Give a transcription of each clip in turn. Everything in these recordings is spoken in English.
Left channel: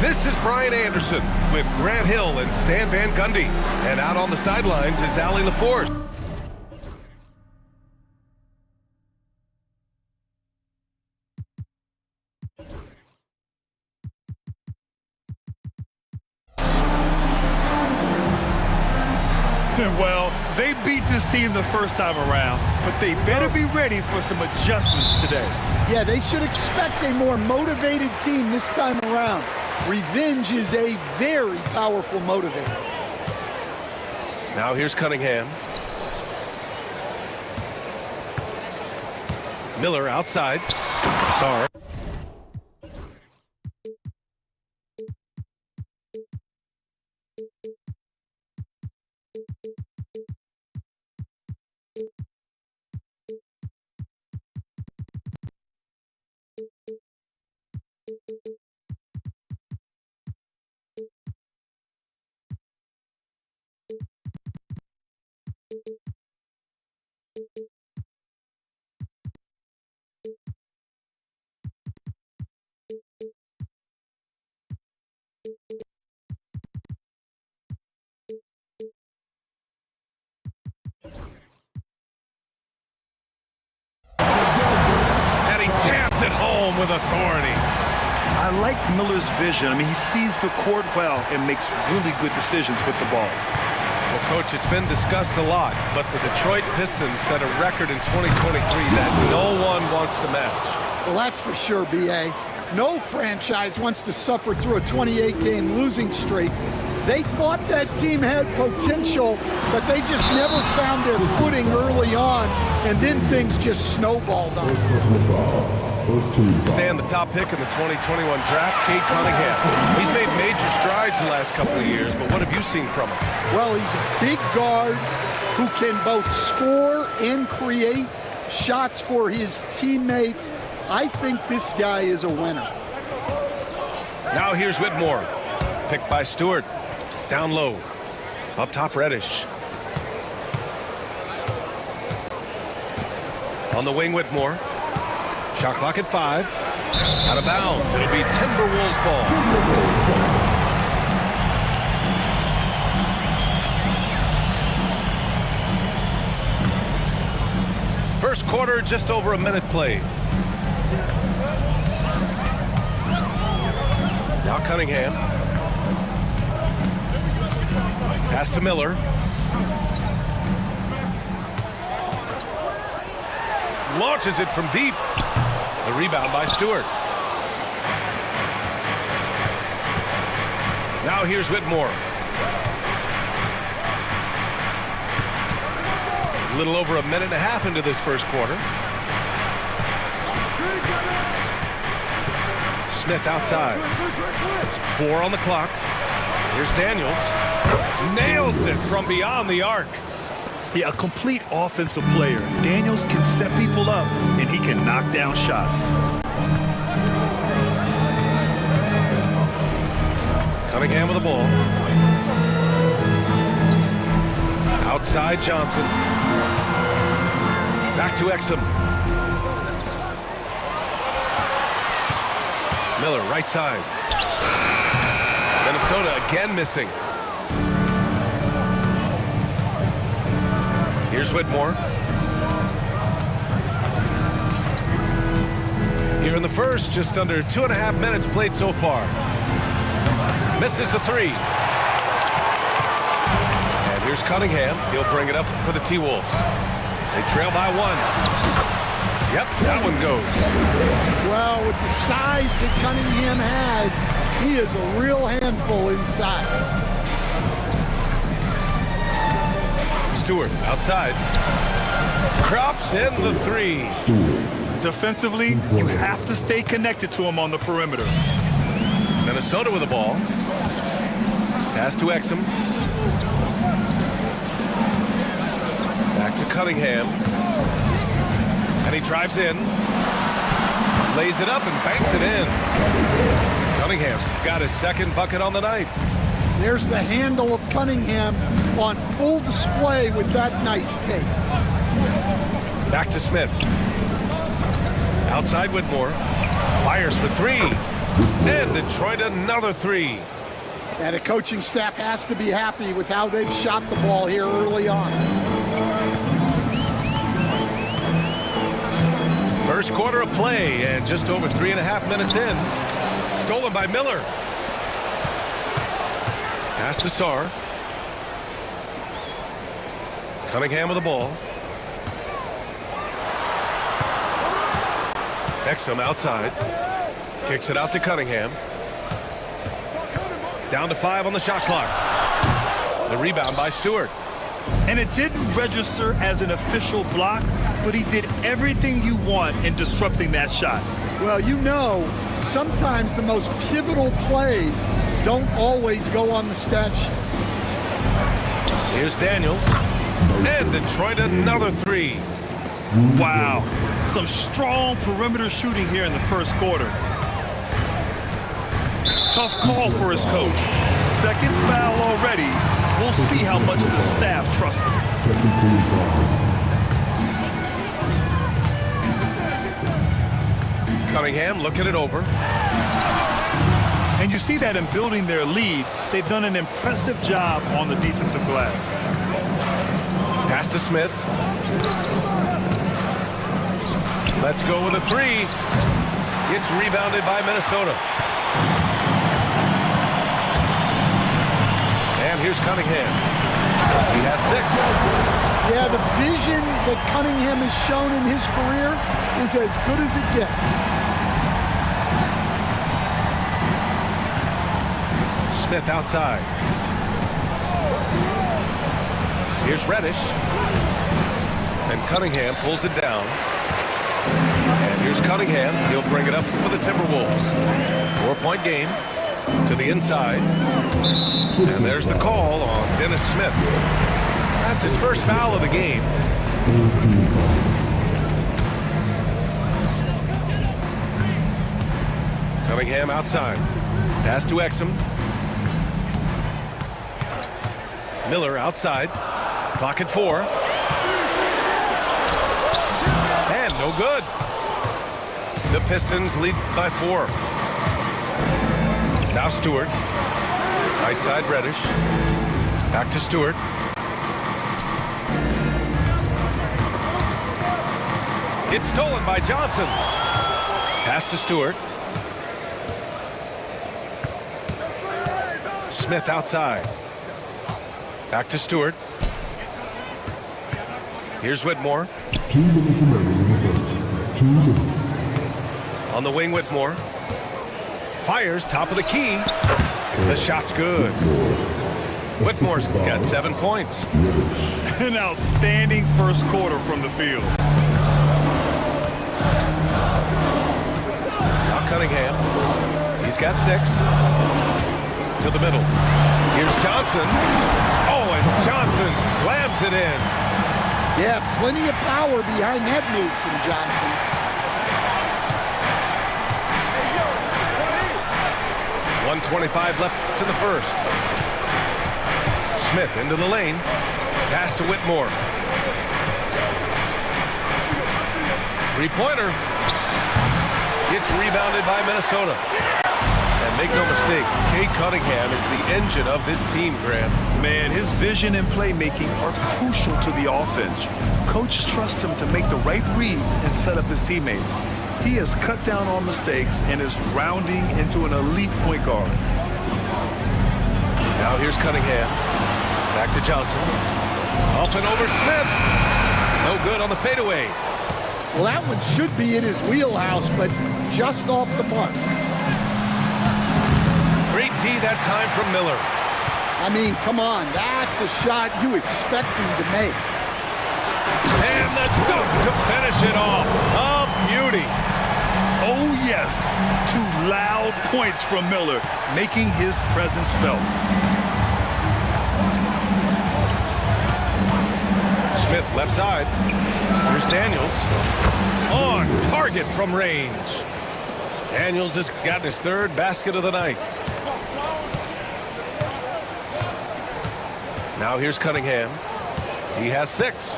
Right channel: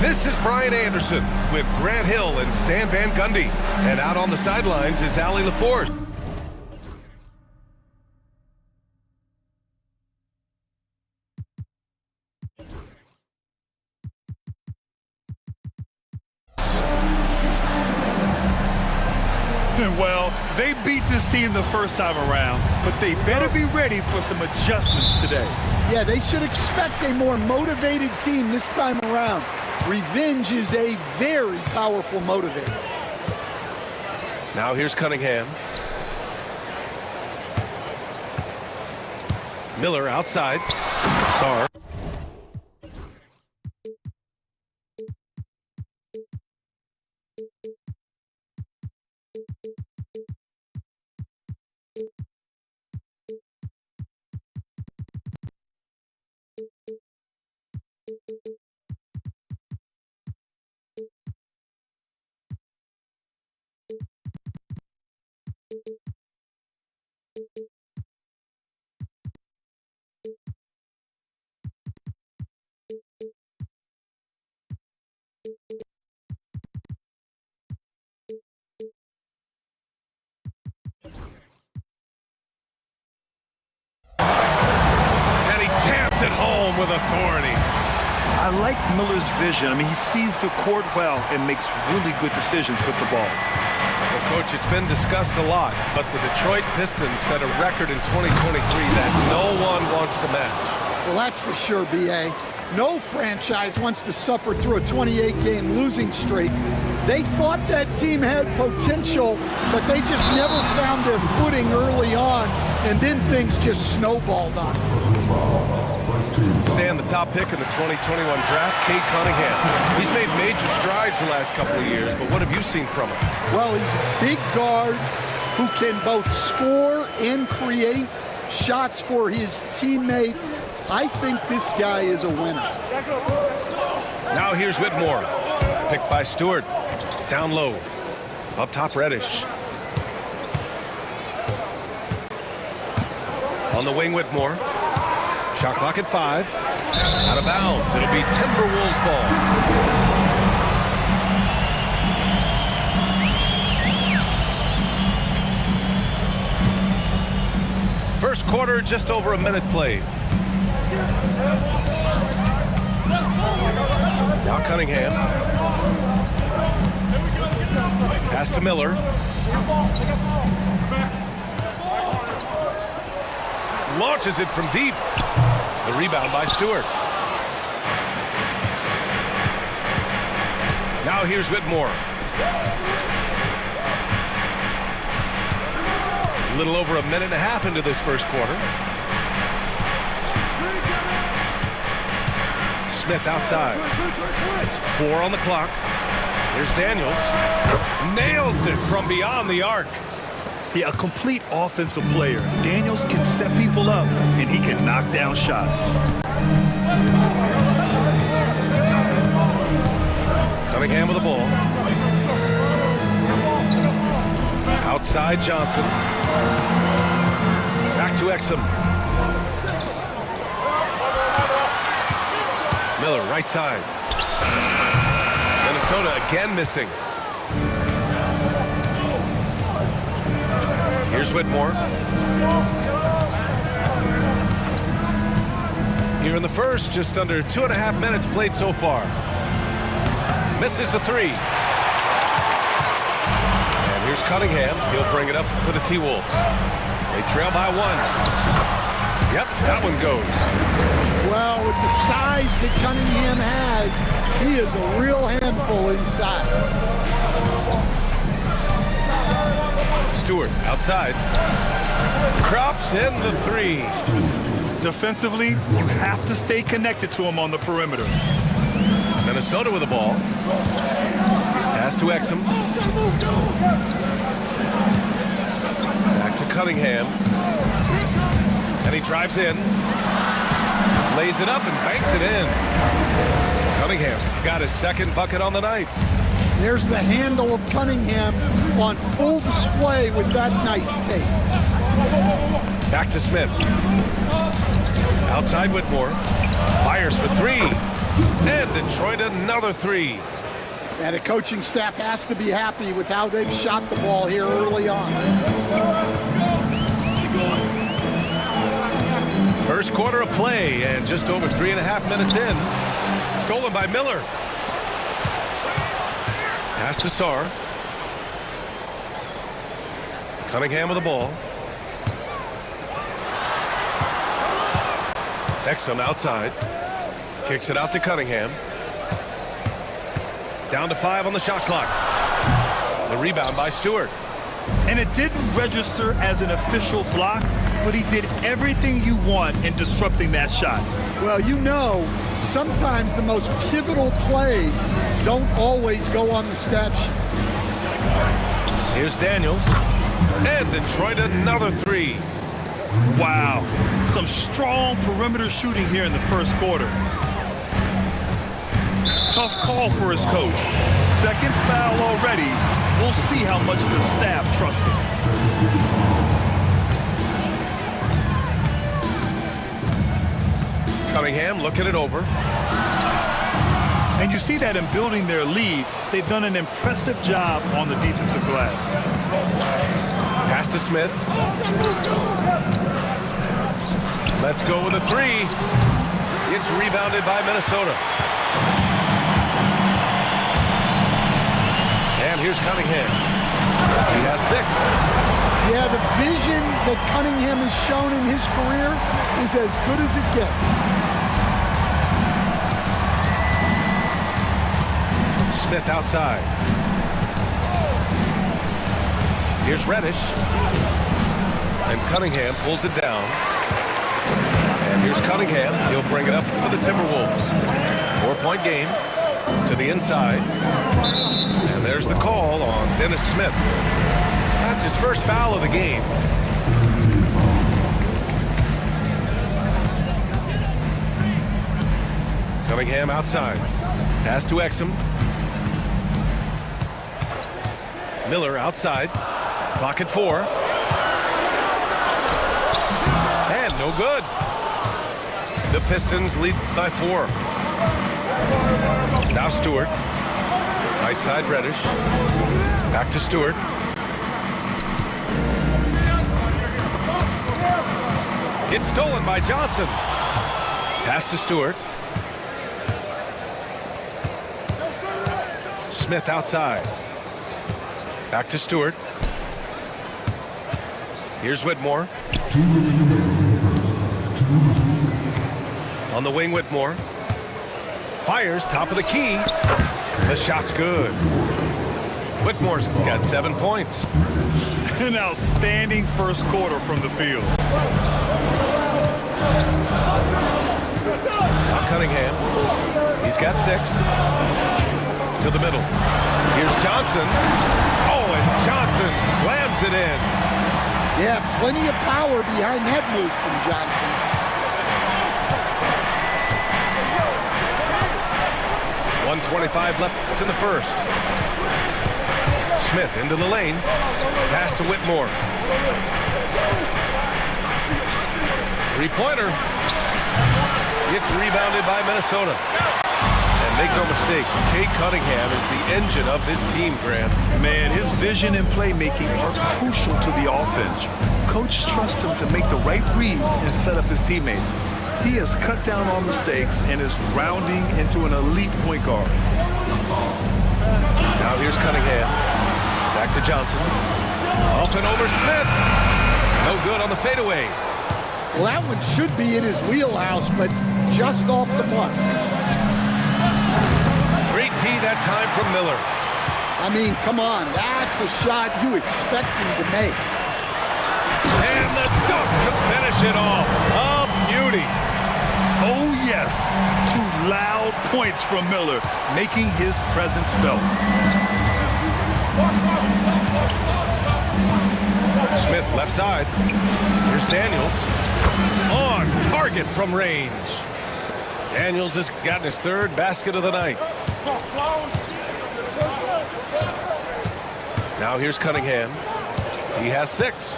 This is Brian Anderson with Grant Hill and Stan Van Gundy. And out on the sidelines is Allie LaForce. Well, they beat this team the first time around, but they better be ready for some adjustments today. Yeah, they should expect a more motivated team this time around. Revenge is a very powerful motivator. Now here's Cunningham. Miller outside. Sarr. And he jams it home with authority. I like Miller's vision. I mean, he sees the court well and makes really good decisions with the ball. Well, Coach, it's been discussed a lot, but the Detroit Pistons set a record in 2023 that no one wants to match. Well, that's for sure, B.A. No franchise wants to suffer through a 28-game losing streak. They thought that team had potential, but they just never found their footing early on, and then things just snowballed on them. Stan, the top pick in the 2021 draft, Cade Cunningham. He's made major strides the last couple of years, but what have you seen from him? Well, he's a big guard who can both score and create shots for his teammates. I think this guy is a winner. Now here's Whitmore. Picked by Stewart. Down low. Up top, Reddish. On the wing, Whitmore. Shot clock at 5. Out of bounds. It'll be Timberwolves ball. First quarter, just over a minute played. Now Cunningham. Pass to Miller. Launches it from deep. The rebound by Stewart. Now here's Whitmore. A little over a minute and a half into this first quarter. Smith outside. 4 on the clock. Here's Daniels. Nails it from beyond the arc. Yeah, a complete offensive player. Daniels can set people up, and he can knock down shots. Cunningham with the ball. Outside Johnson. Back to Exum. Miller, right side. Minnesota again missing. Here's Whitmore. Here in the first, just under 2.5 minutes played so far. Misses the 3. And here's Cunningham. He'll bring it up for the T-Wolves. They trail by 1. Yep, that one goes. Well, with the size that Cunningham has, he is a real handful inside. Stewart outside. Crops in the 3. Defensively, you have to stay connected to him on the perimeter. Minnesota with the ball. Pass to Exum. Back to Cunningham. And he drives in. Lays it up and banks it in. Cunningham's got his second bucket on the night. There's the handle of Cunningham on full display with that nice take. Back to Smith. Outside Whitmore. Fires for 3. And Detroit another three. And the coaching staff has to be happy with how they've shot the ball here early on. First quarter of play and just over 3.5 minutes in. Stolen by Miller. Pass to Sarr. Cunningham with the ball. Exum outside. Kicks it out to Cunningham. Down to 5 on the shot clock. The rebound by Stewart. And it didn't register as an official block, but he did everything you want in disrupting that shot. Well, you know, sometimes the most pivotal plays don't always go on the stat sheet. Here's Daniels. And Detroit another three. Wow. Some strong perimeter shooting here in the first quarter. Tough call for his coach. Second foul already. We'll see how much the staff trusts him. Cunningham looking it over. And you see that in building their lead, they've done an impressive job on the defensive glass. Pass to Smith. Let's go with a three. It's rebounded by Minnesota. And here's Cunningham. He has 6. Yeah, the vision that Cunningham has shown in his career is as good as it gets. Smith outside. Here's Reddish. And Cunningham pulls it down. And here's Cunningham. He'll bring it up for the Timberwolves. 4-point game to the inside. And there's the call on Dennis Smith. That's his first foul of the game. Cunningham outside. Pass to Exum. Miller outside. Clock at 4. And no good. The Pistons lead by 4. Now Stewart. Right side Reddish. Back to Stewart. It's stolen by Johnson. Pass to Stewart. Smith outside. Back to Stewart. Here's Whitmore. 2 minutes remaining in the first. 2 minutes. On the wing, Whitmore. Fires top of the key. The shot's good. Whitmore's got 7 points. An outstanding first quarter from the field. Now Cunningham. He's got 6. To the middle. Here's Johnson. Oh, and Johnson slams it in. Yeah, plenty of power behind that move from Johnson. .125 left in the first. Smith into the lane. Pass to Whitmore. 3-pointer. It's rebounded by Minnesota. And make no mistake, Cade Cunningham is the engine of this team, Grant. Man, his vision and playmaking are crucial to the offense. Coach trusts him to make the right reads and set up his teammates. He has cut down on mistakes and is rounding into an elite point guard. Now here's Cunningham. Back to Johnson. Up and over Smith. No good on the fadeaway. Well, that one should be in his wheelhouse, but just off the mark. Great D that time from Miller. I mean, come on, that's a shot you expect him to make. And the dunk to finish it off. A beauty. Oh, yes. 2 loud points from Miller, making his presence felt. Smith left side. Here's Daniels. On target from range. Daniels has gotten his 3rd basket of the night. Now here's Cunningham. He has 6.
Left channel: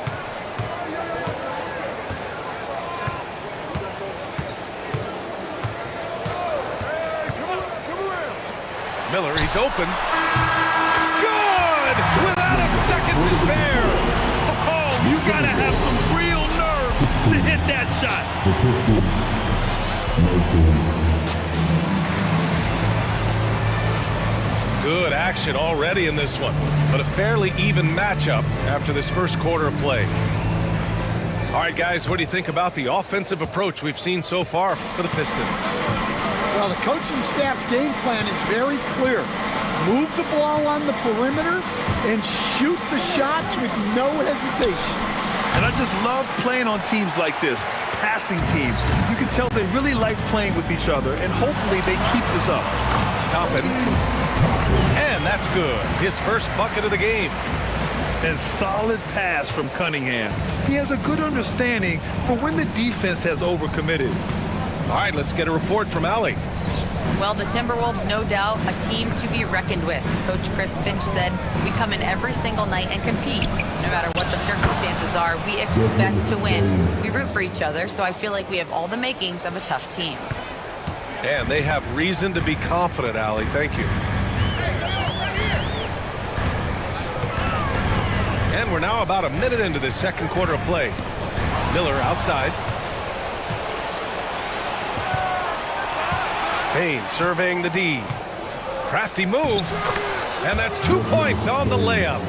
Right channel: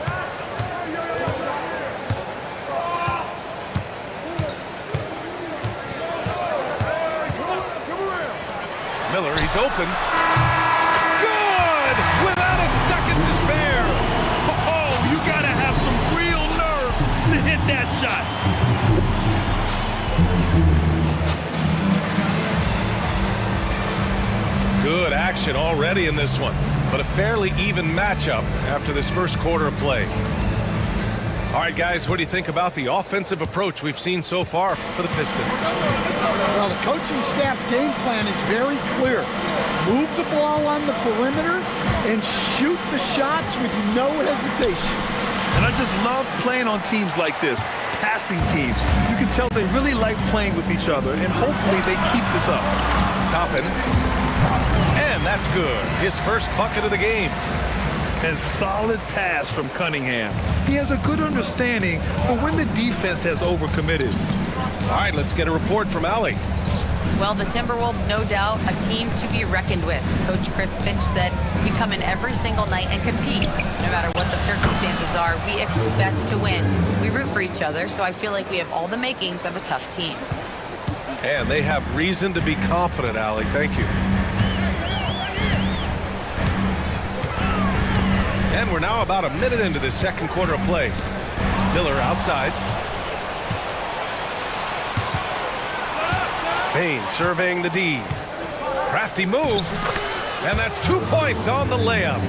Miller, he's open. Good! Without a second to spare. Oh, you gotta have some real nerve to hit that shot. Good action already in this one, but a fairly even matchup after this first quarter of play. All right, guys, what do you think about the offensive approach we've seen so far for the Pistons? Well, the coaching staff's game plan is very clear. Move the ball on the perimeter and shoot the shots with no hesitation. And I just love playing on teams like this, passing teams. You can tell they really like playing with each other, and hopefully they keep this up. Toppin. And that's good. His first bucket of the game. And solid pass from Cunningham. He has a good understanding for when the defense has overcommitted. All right, let's get a report from Allie. Well, the Timberwolves, no doubt, a team to be reckoned with. Coach Chris Finch said, we come in every single night and compete. No matter what the circumstances are, we expect to win. We root for each other, so I feel like we have all the makings of a tough team. And they have reason to be confident, Allie. Thank you. And we're now about a minute into this second quarter of play. Miller outside. Bain surveying the D. Crafty move. And that's 2 points on the layup.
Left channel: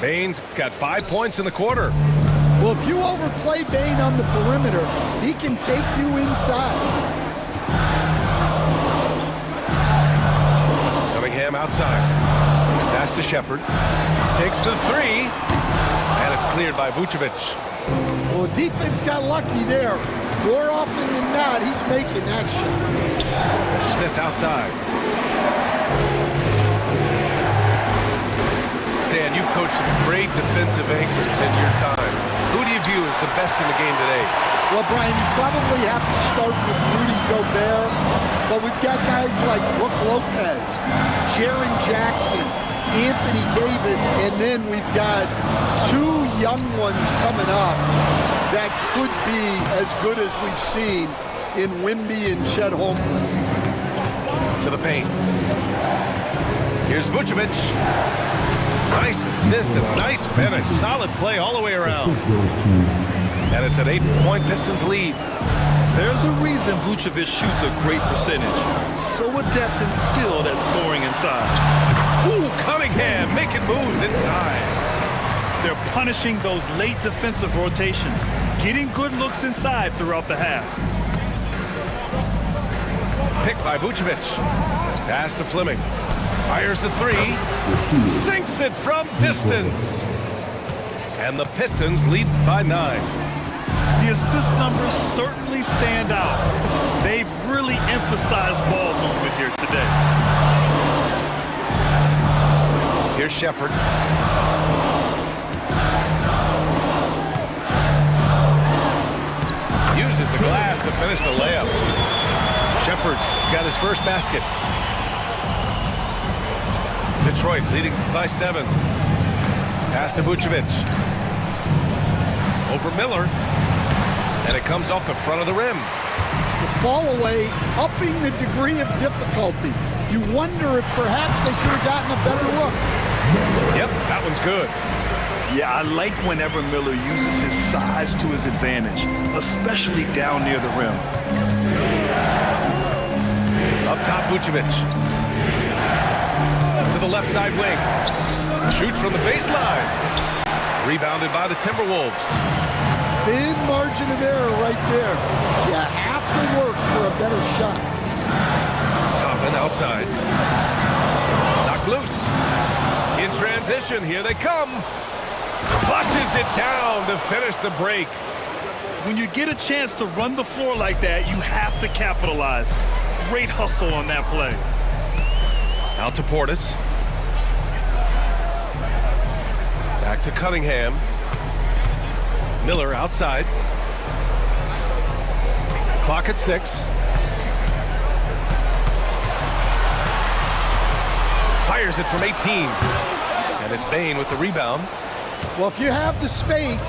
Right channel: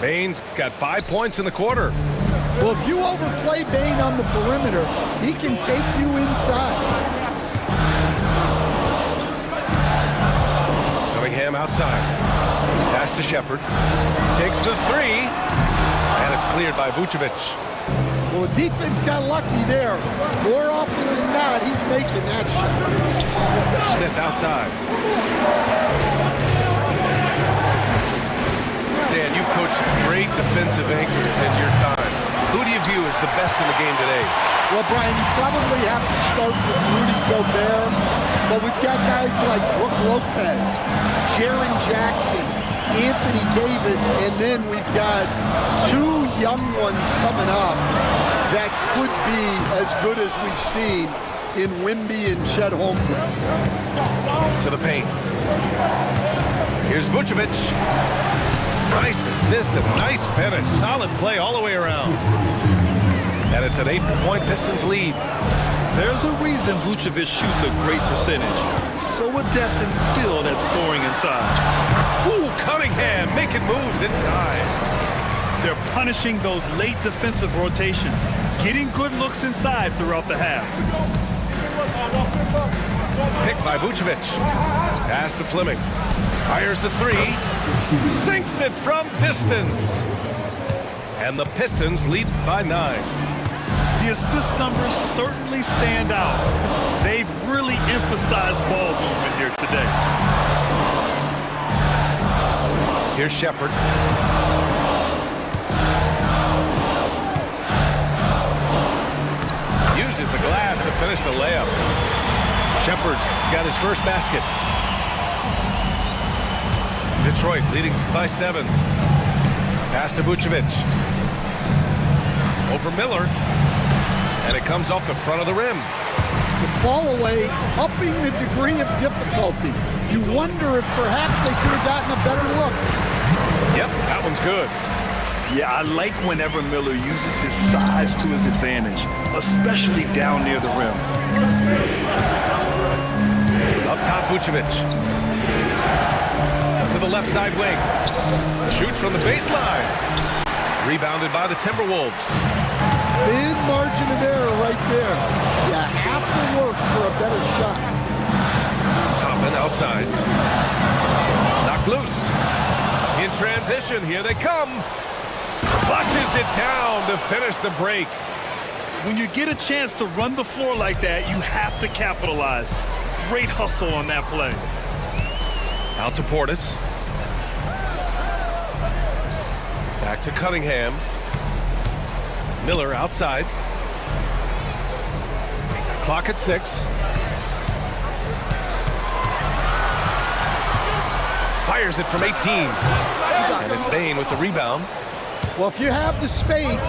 Bain's got 5 points in the quarter. Well, if you overplay Bain on the perimeter, he can take you inside. Cunningham outside. Pass to Shepard. Takes the three. And it's cleared by Vucevic. Well, the defense got lucky there. More often than not, he's making that shot. Smith outside. Stan, you've coached some great defensive anchors in your time. Who do you view as the best in the game today? Well, Brian, you probably have to start with Rudy Gobert, but we've got guys like Brook Lopez, Jaren Jackson, Anthony Davis, and then we've got two young ones coming up that could be as good as we've seen in Wemby and Chet Holmgren. To the paint. Here's Vucevic. Nice assist and nice finish. Solid play all the way around. And it's an 8-point Pistons lead. There's a reason Vucevic shoots a great percentage. So adept and skilled at scoring inside. Ooh, Cunningham making moves inside. They're punishing those late defensive rotations, getting good looks inside throughout the half. Picked by Vucevic. Pass to Fleming. Fires the three. Sinks it from distance. And the Pistons lead by 9. The assist numbers certainly stand out. They've really emphasized ball movement here today. Here's Shepard. Uses the glass to finish the layup. Shepard's got his first basket. Detroit leading by 7. Pass to Vucevic. Over Miller. And it comes off the front of the rim. The fall away, upping the degree of difficulty. You wonder if perhaps they could have gotten a better look. Yep, that one's good. Yeah, I like whenever Miller uses his size to his advantage, especially down near the rim. Up top, Vucevic. To the left side wing. Shoots from the baseline. Rebounded by the Timberwolves. Thin margin of error right there. You have to work for a better shot. Toppin outside. Knocked loose. In transition, here they come. Flushes it down to finish the break. When you get a chance to run the floor like that, you have to capitalize. Great hustle on that play. Out to Portis. Back to Cunningham. Miller outside. Clock at 6. Fires it from 18. And it's Bain with the rebound. Well, if you have the space,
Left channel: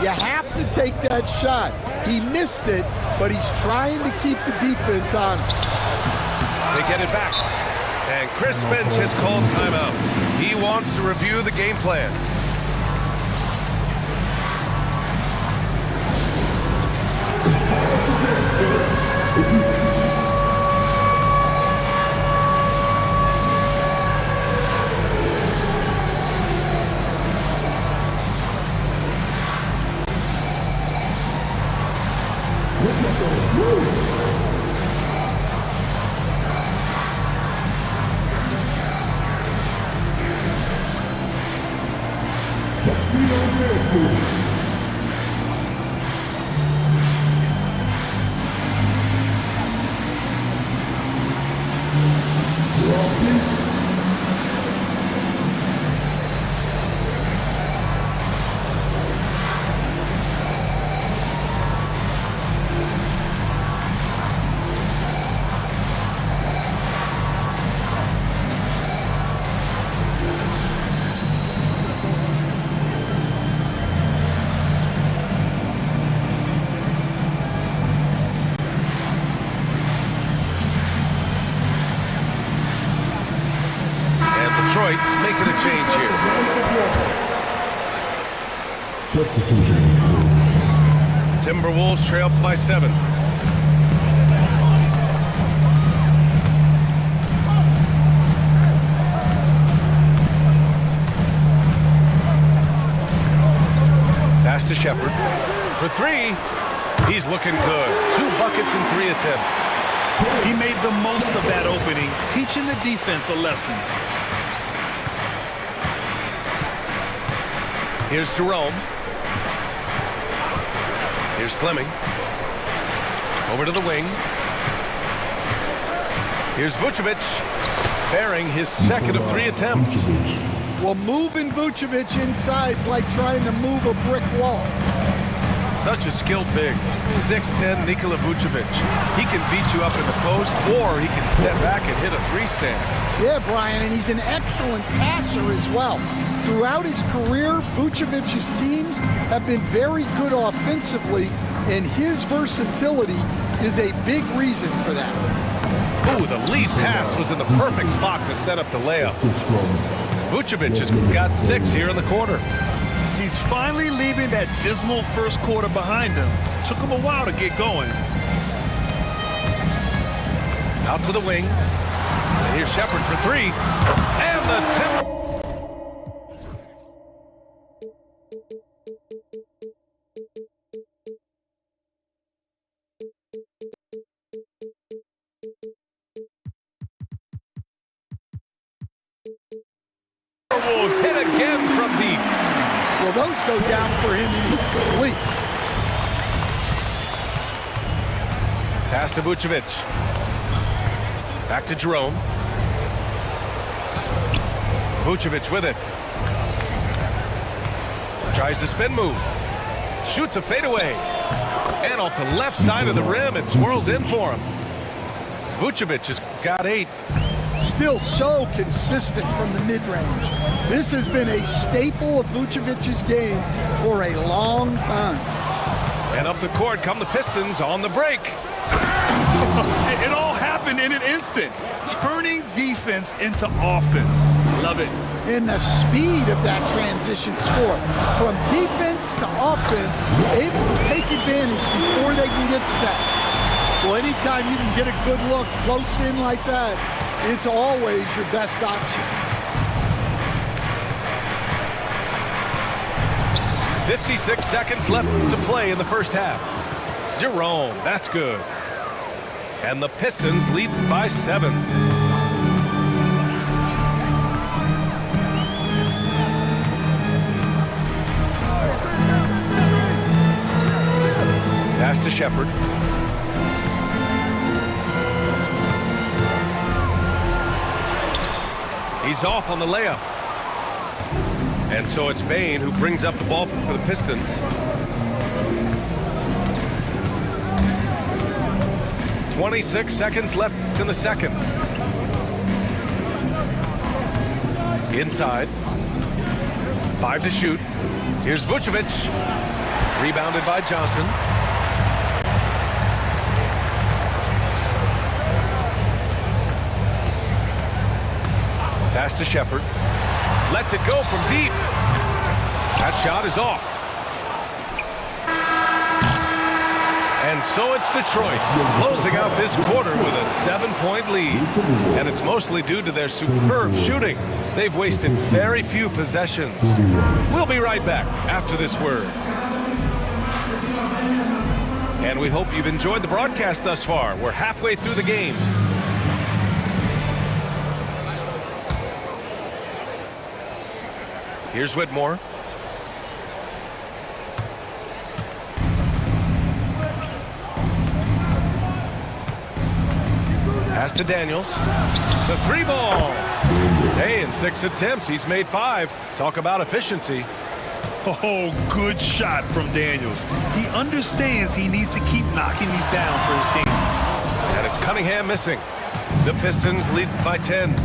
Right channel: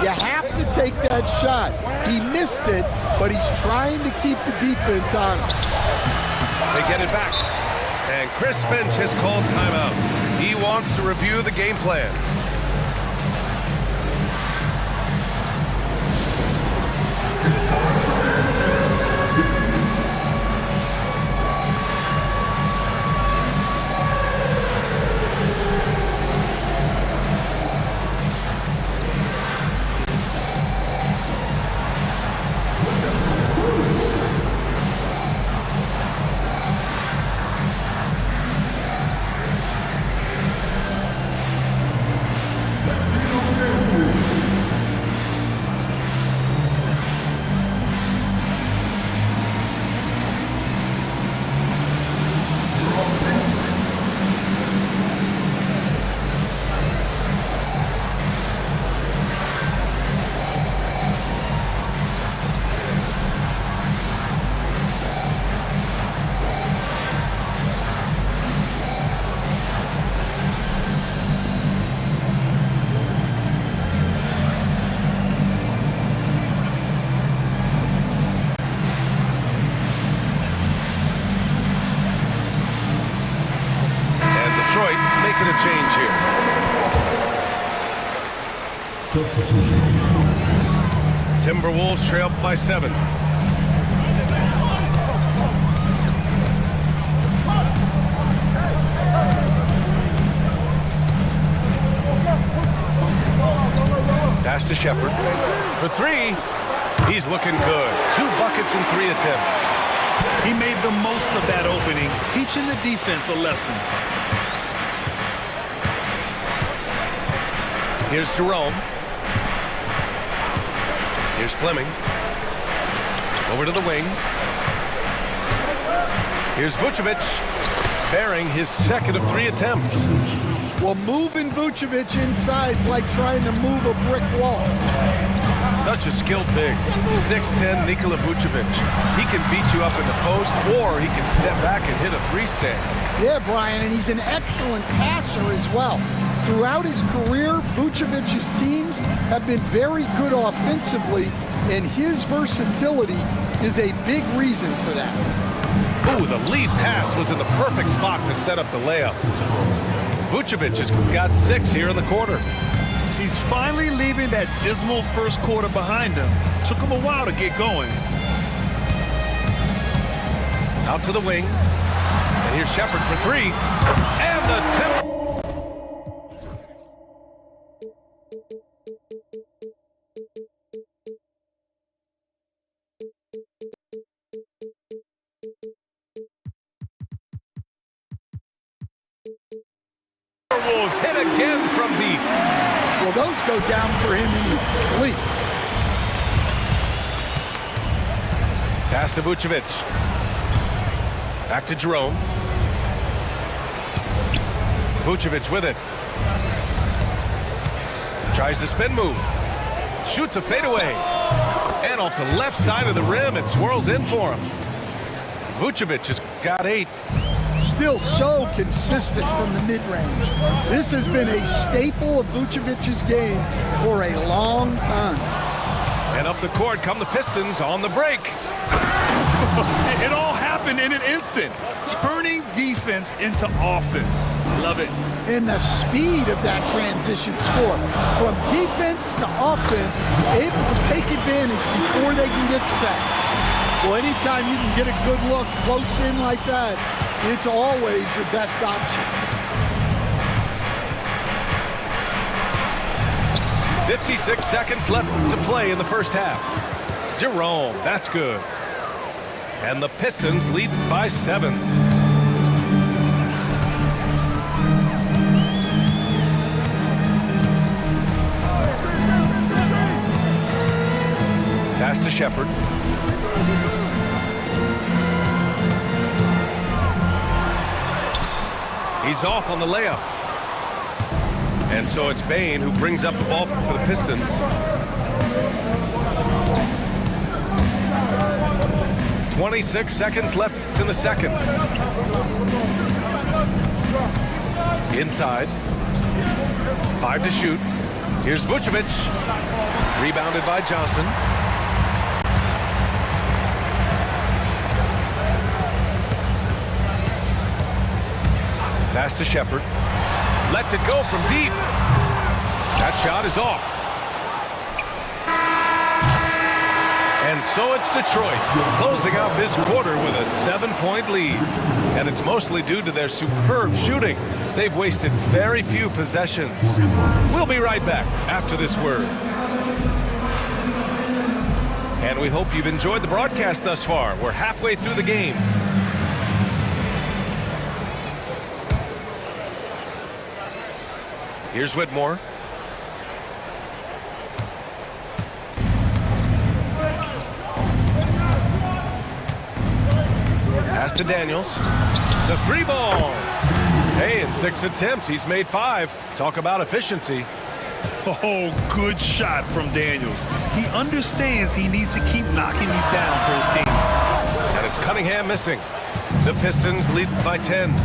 you have to take that shot. He missed it, but he's trying to keep the defense on him. They get it back. And Chris Finch has called timeout. He wants to review the game plan. Detroit making a change here. Substitution. Timberwolves trail by 7. Pass to Shepard for 3. He's looking good. 2 buckets in 3 attempts. He made the most of that opening, teaching the defense a lesson. Here's Jerome. Here's Fleming. Over to the wing. Here's Vucevic, bearing his second of 3 attempts. Well, moving Vucevic inside is like trying to move a brick wall. Such a skilled big. 6'10" Nikola Vucevic. He can beat you up in the post, or he can step back and hit a 3-stand. Yeah, Brian, and he's an excellent passer as well. Throughout his career, Vucevic's teams have been very good offensively, and his versatility is a big reason for that. Ooh, the lead pass was in the perfect spot to set up the layup. Vucevic has got 6 here in the quarter. He's finally leaving that dismal first quarter behind him. Took him a while to get going. Out to the wing. And here's Shepard for 3. And the Timberwolves. Hit again from deep. Well, those go down for him in his sleep. Pass to Vucevic. Back to Jerome. Vucevic with it. Tries the spin move. Shoots a fadeaway. And off the left side of the rim, it swirls in for him. Vucevic has got 8. Still so consistent from the mid-range. This has been a staple of Vucevic's game for a long time. And up the court come the Pistons on the break. It all happened in an instant. Turning defense into offense. Love it. And the speed of that transition score. From defense to offense, able to take advantage before they can get set. Well, anytime you can get a good look close in like that, it's always your best option. 56 seconds left to play in the first half. Jerome, that's good. And the Pistons lead by 7. Pass to Shepard. He's off on the layup. And so it's Bain who brings up the ball for the Pistons. .26 seconds left in the second. Inside. 5 to shoot. Here's Vucevic. Rebounded by Johnson. Pass to Shepard. Lets it go from deep. That shot is off. And so it's Detroit closing out this quarter with a 7-point lead. And it's mostly due to their superb shooting. They've wasted very few possessions. We'll be right back after this word. And we hope you've enjoyed the broadcast thus far. We're halfway through the game. Here's Whitmore. Pass to Daniels. The 3-ball. Hey, in 6 attempts, he's made 5. Talk about efficiency. Oh, good shot from Daniels. He understands he needs to keep knocking these down for his team. And it's Cunningham missing. The Pistons lead by 10.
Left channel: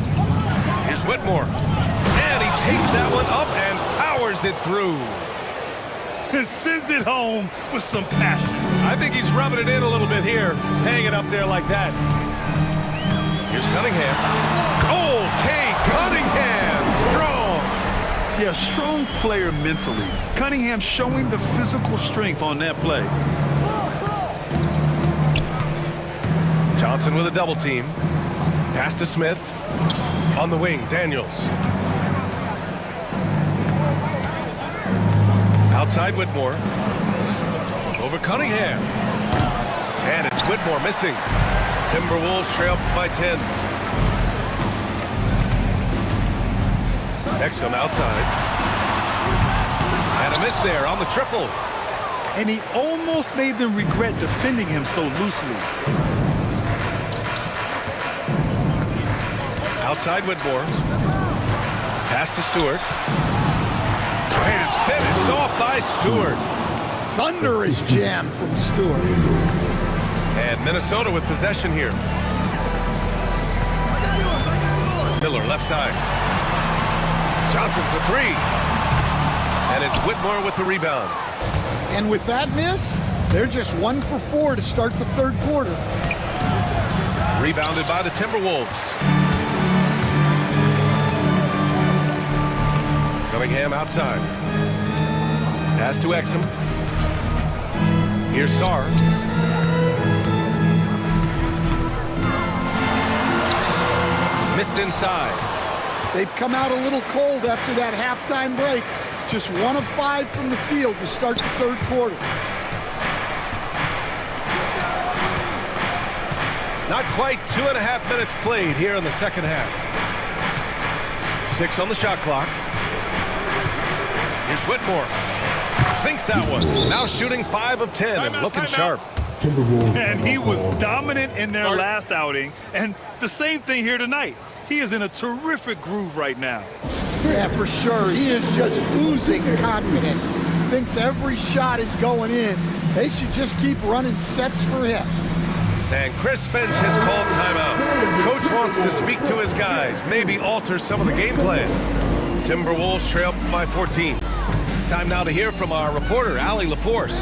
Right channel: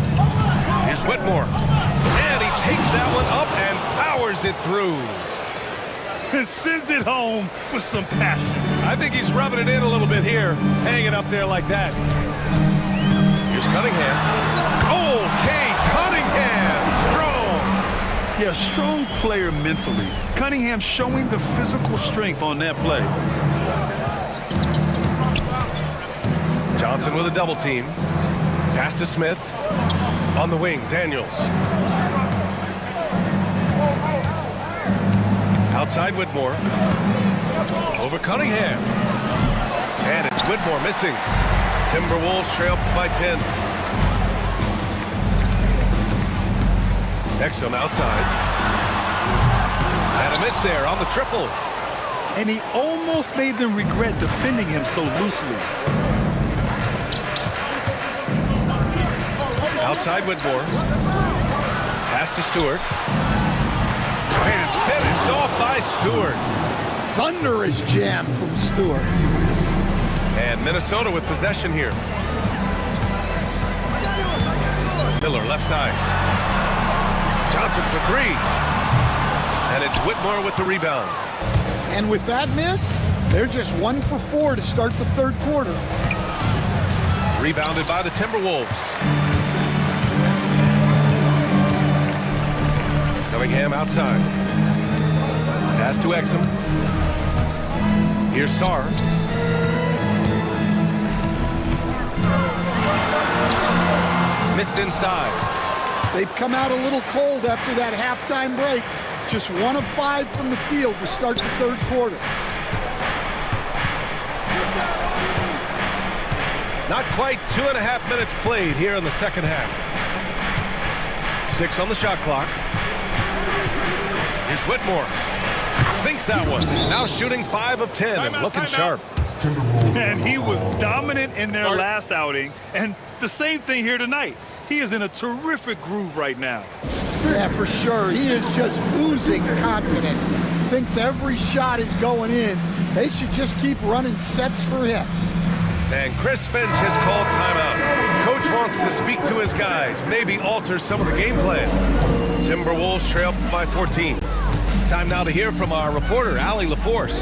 Here's Whitmore. And he takes that one up and powers it through. And sends it home with some passion. I think he's rubbing it in a little bit here, hanging up there like that. Here's Cunningham. Oh, K. Cunningham, strong. Yeah, strong player mentally. Cunningham showing the physical strength on that play. Johnson with a double team. Pass to Smith. On the wing, Daniels. Outside Whitmore. Over Cunningham. And it's Whitmore missing. Timberwolves trail by 10. Exum outside. And a miss there on the triple. And he almost made them regret defending him so loosely. Outside Whitmore. Pass to Stewart. And finished off by Stewart. Thunderous jam from Stewart. And Minnesota with possession here. Miller left side. Johnson for 3. And it's Whitmore with the rebound. And with that miss, they're just 1 for 4 to start the third quarter. Rebounded by the Timberwolves. Cunningham outside. Pass to Exum. Here's Sarr. Missed inside. They've come out a little cold after that halftime break. Just 1 of 5 from the field to start the third quarter. Not quite 2.5 minutes played here in the second half. 6 on the shot clock. Here's Whitmore. Sinks that one. Now shooting 5 of 10 and looking sharp. And he was dominant in their last outing. And the same thing here tonight. He is in a terrific groove right now. Yeah, for sure. He is just oozing confidence. Thinks every shot is going in. They should just keep running sets for him. And Chris Finch has called timeout. Coach wants to speak to his guys, maybe alter some of the game plan. Timberwolves trail by 14. Time now to hear from our reporter, Allie LaForce.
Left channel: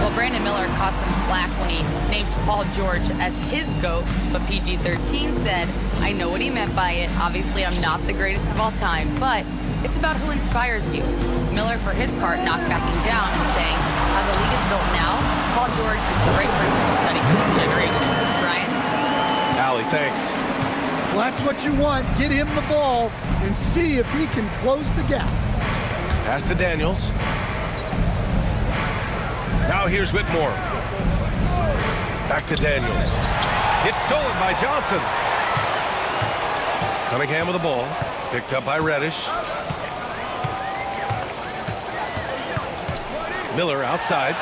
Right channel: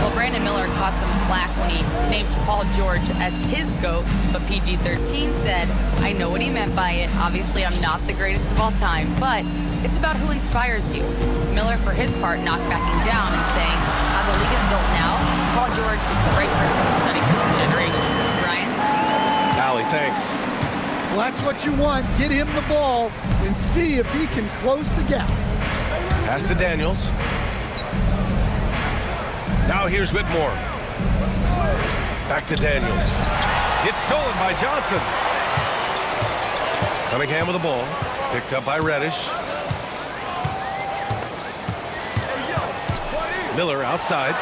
Well, Brandon Miller caught some flack when he named Paul George as his GOAT, but PG-13 said, I know what he meant by it. Obviously, I'm not the greatest of all time, but it's about who inspires you. Miller, for his part, knocked backing down and saying, how the league is built now, Paul George is the right person to study for this generation. Brian? Allie, thanks. Well, that's what you want. Get him the ball and see if he can close the gap. Pass to Daniels. Now here's Whitmore. Back to Daniels. It's stolen by Johnson. Cunningham with the ball. Picked up by Reddish. Miller outside.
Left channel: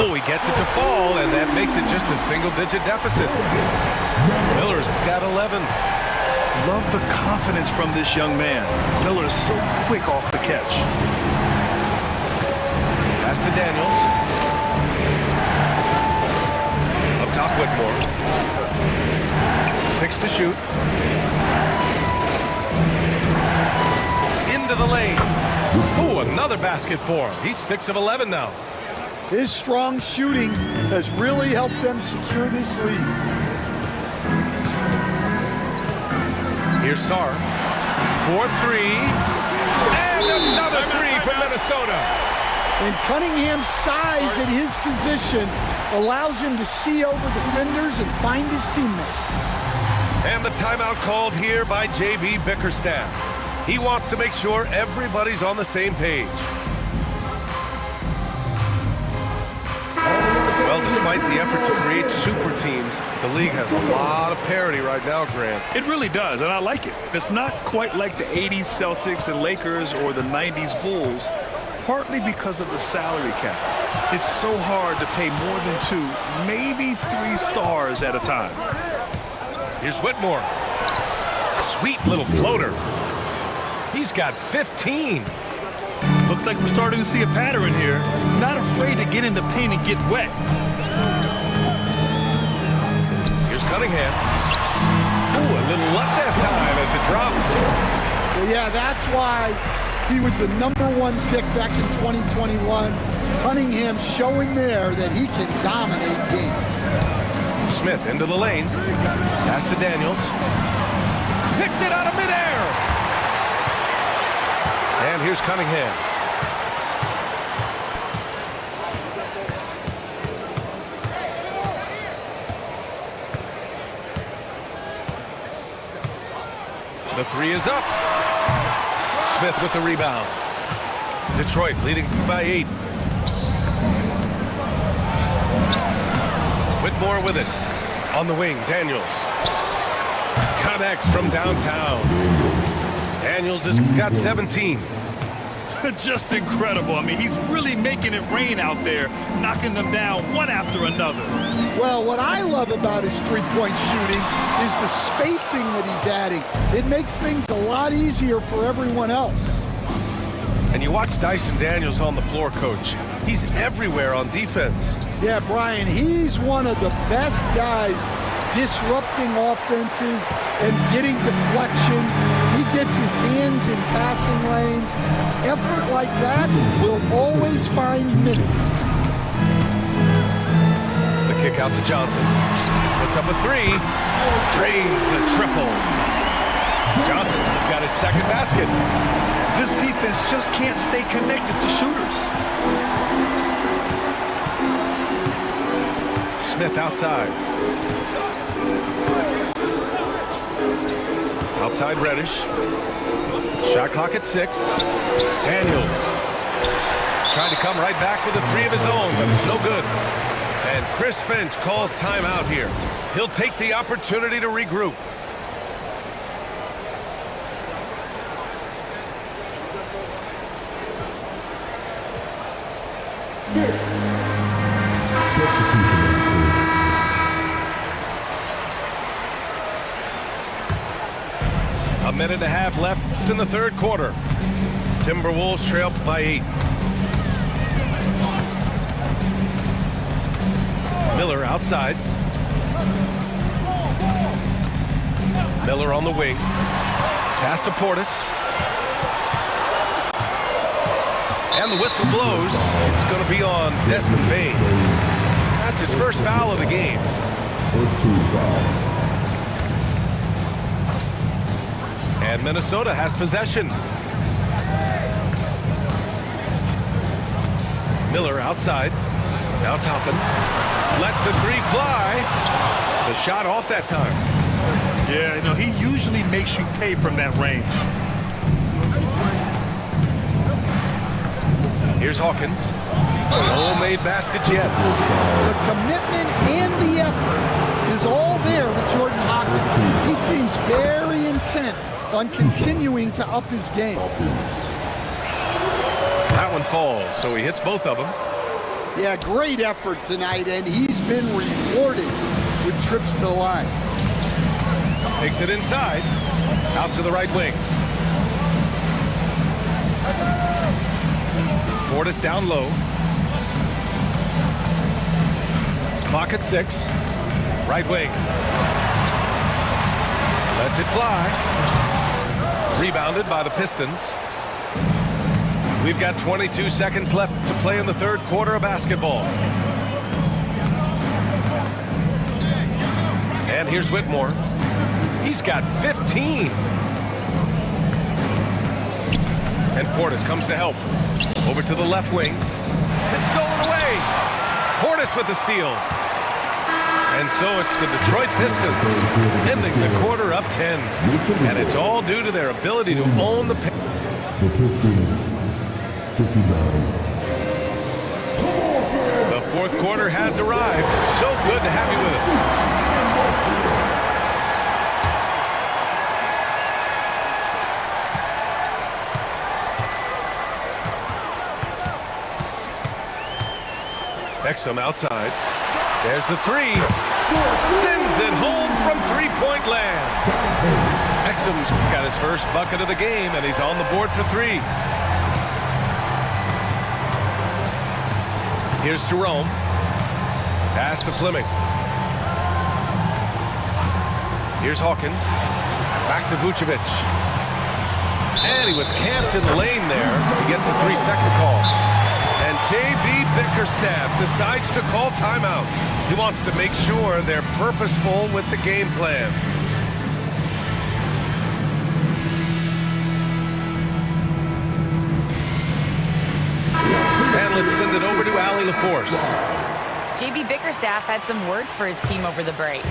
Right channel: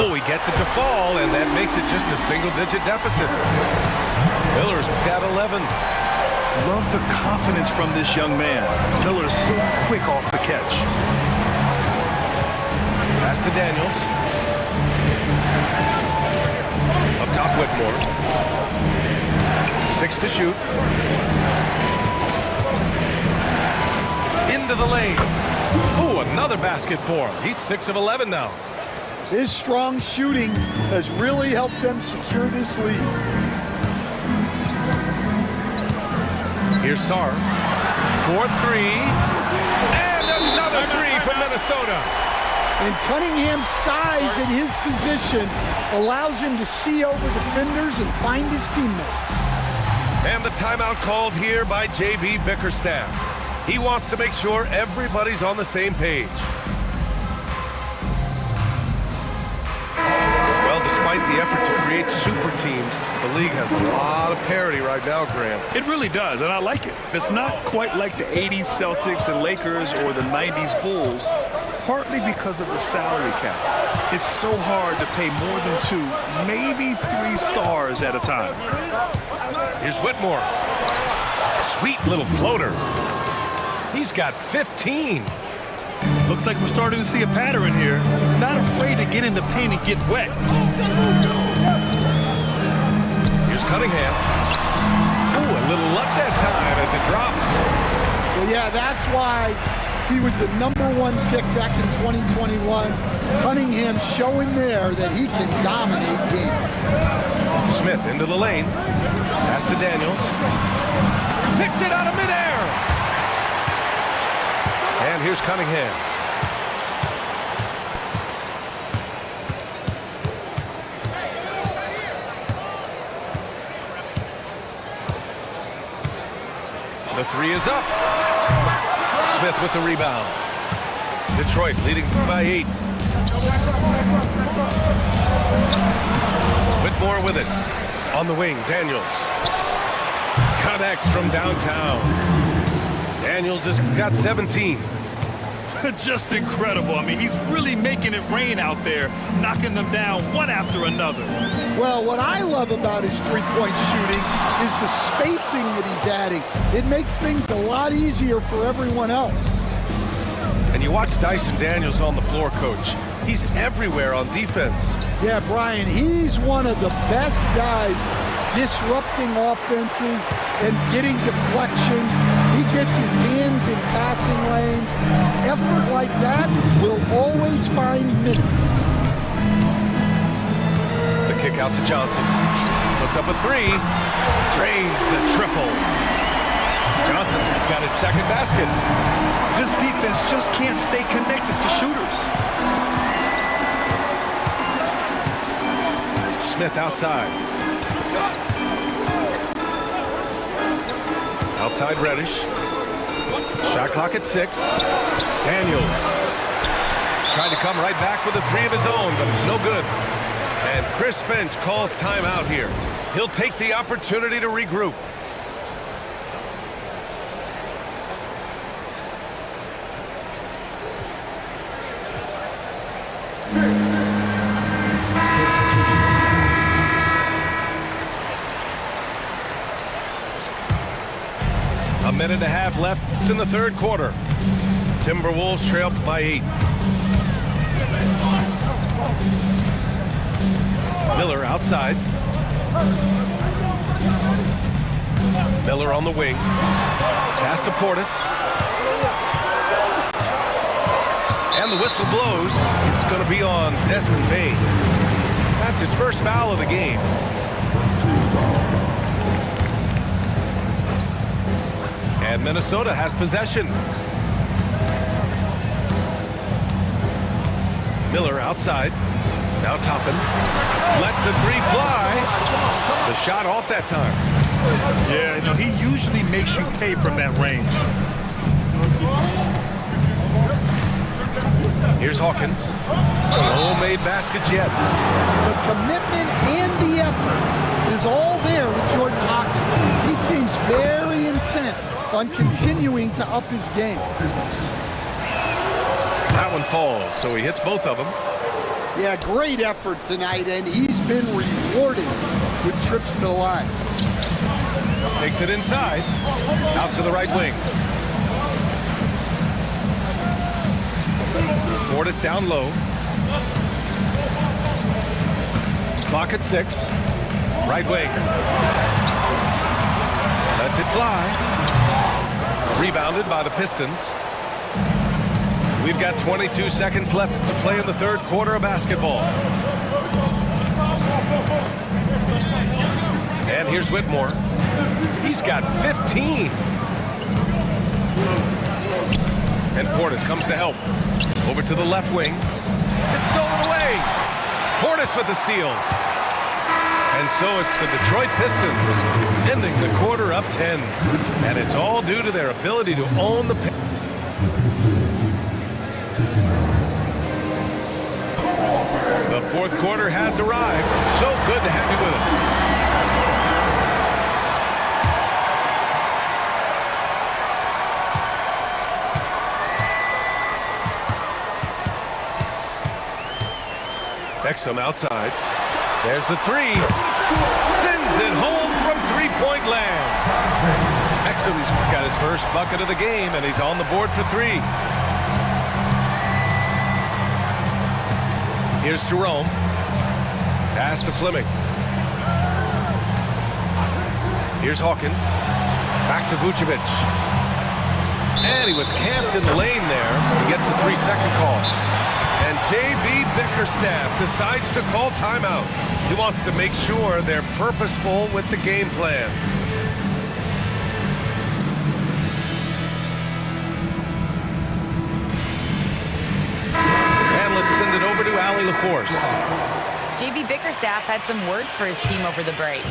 Oh, he gets it to fall, and that makes it just a single-digit deficit. Miller's got 11. Love the confidence from this young man. Miller is so quick off the catch. Pass to Daniels. Up top, Whitmore. 6 to shoot. Into the lane. Oh, another basket for him. He's 6 of 11 now. His strong shooting has really helped them secure this lead. Here's Sarr. 4-3. And another three from Minnesota. And Cunningham's size at his position allows him to see over defenders and find his teammates. And the timeout called here by J.B. Bickerstaff. He wants to make sure everybody's on the same page. Well, despite the effort to create super teams, the league has a lot of parity right now, Grant. It really does, and I like it. It's not quite like the 80s Celtics and Lakers or the 90s Bulls, partly because of the salary cap. It's so hard to pay more than 2, maybe 3 stars at a time. Here's Whitmore. Sweet little floater. He's got 15. Looks like we're starting to see a pattern here. Not afraid to get in the paint and get wet. Here's Cunningham. Ooh, a little luck that time as it drops. Well, yeah, that's why he was the #1 pick back in 2021. Cunningham showing there that he can dominate games. Smith into the lane. Pass to Daniels. Picked it out of midair. And here's Cunningham. The three is up. Smith with the rebound. Detroit leading by 8. Whitmore with it. On the wing, Daniels. Connects from downtown. Daniels has got 17. Just incredible. I mean, he's really making it rain out there, knocking them down one after another. Well, what I love about his three-point shooting is the spacing that he's adding. It makes things a lot easier for everyone else. And you watch Dyson Daniels on the floor, Coach. He's everywhere on defense. Yeah, Brian, he's one of the best guys disrupting offenses and getting deflections. He gets his hands in passing lanes. Effort like that will always find minutes. The kick out to Johnson. Puts up a 3. Drains the triple. Johnson's got his second basket. This defense just can't stay connected to shooters. Smith outside. Outside Reddish. Shot clock at 6. Daniels. Trying to come right back with a 3 of his own, but it's no good. And Chris Finch calls timeout here. He'll take the opportunity to regroup. A minute and a half left in the third quarter. Timberwolves trail by 8. Miller outside. Miller on the wing. Pass to Portis. And the whistle blows. It's going to be on Desmond Bane. That's his first foul of the game. First team foul. And Minnesota has possession. Miller outside. Now Toppin. Lets the 3 fly. The shot off that time. Yeah, you know, he usually makes you pay from that range. Here's Hawkins. No made baskets yet. The commitment and the effort is all there with Jordan Hawkins. He seems very intent on continuing to up his game. That one falls, so he hits both of them. Yeah, great effort tonight, and he's been rewarded with trips to the line. Takes it inside. Out to the right wing. Portis down low. Clock at 6. Right wing. Lets it fly. Rebounded by the Pistons. We've got 22 seconds left to play in the third quarter of basketball. And here's Whitmore. He's got 15. And Portis comes to help. Over to the left wing. It's stolen away. Portis with the steal. And so it's the Detroit Pistons ending the quarter up 10. And it's all due to their ability to own the paint. The Pistons 59. The fourth quarter has arrived. So good to have you with us. Exum outside. There's the three. Sends it home from three-point land. Exum's got his first bucket of the game, and he's on the board for three. Here's Jerome. Pass to Fleming. Here's Hawkins. Back to Vucevic. And he was camped in the lane there. He gets a 3-second call. And J.B. Bickerstaff decides to call timeout. He wants to make sure they're purposeful with the game plan. And let's send it over to Allie LaForce. J.B. Bickerstaff had some words for his team over the break.